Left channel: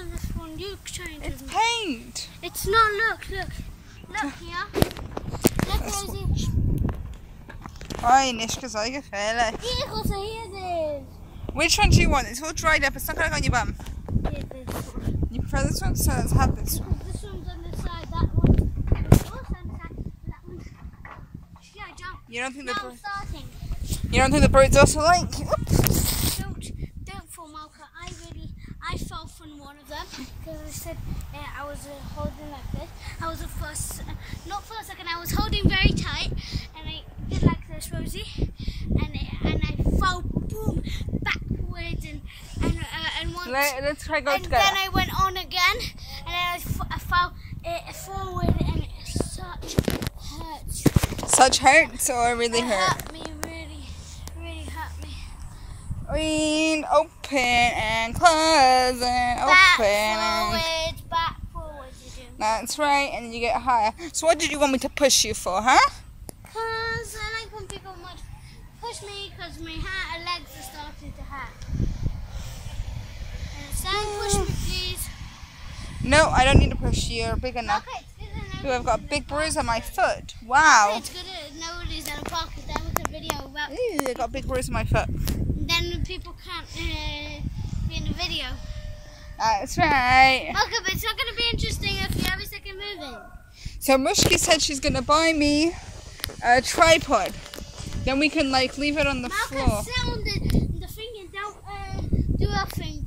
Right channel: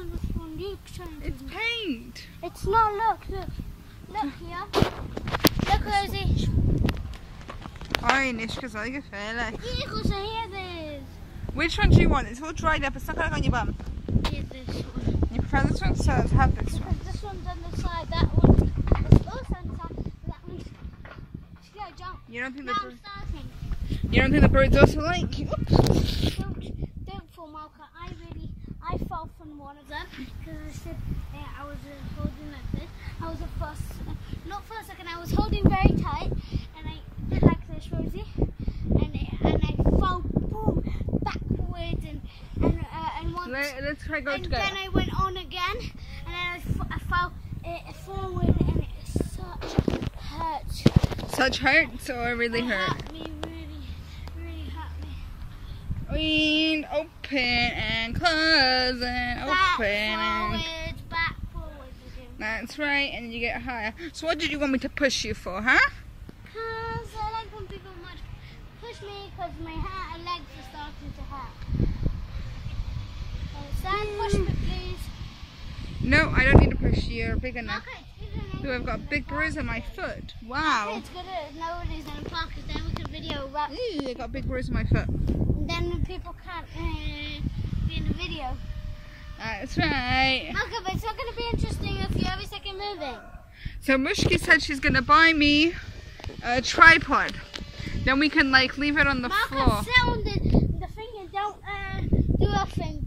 on this one. You change it. It's paint. It's not. Look here. Look, Rosie. Oi, Nishka's like a fella. Here. Which one do you want? It's all dried up. It's not going to go on your bum. Here's this one. You prefer this one? So let's have this one. This one's on the side. That one. It's also on the side. That one. Yeah, jump. You don't think now I'm starting. You don't think the birds also like? Oops. Don't fall, Malka. I fell from one of them because I said I was holding like this. I was not for a second. I was holding very tight, and I did like this, Rosie, and I fell, boom, backwards and once. Let's try go and together. then I went on again, and then I fell forward, and it Such hurts or really hurt? Hurt me, really hurt me. Read, open and close and open. Back forwards again. That's right, and you get higher. So what did you want me to push you for, huh? Because I like when people push me because my legs are starting to hurt. Push me, please. No, I don't need to push you. You're big enough. Okay, it's good. Ooh, I've got a big bruise on my foot. Wow. It's good. Nobody's in a pocket. Then we can video about. Ooh, I got a big bruise on my foot. Then people can't be in the video. That's right. Okay, but it's not going to be interesting if you every second moving. So Mushki said she's going to buy me a tripod. Then we can like leave it on the floor. Sit on the thing and don't do a thing.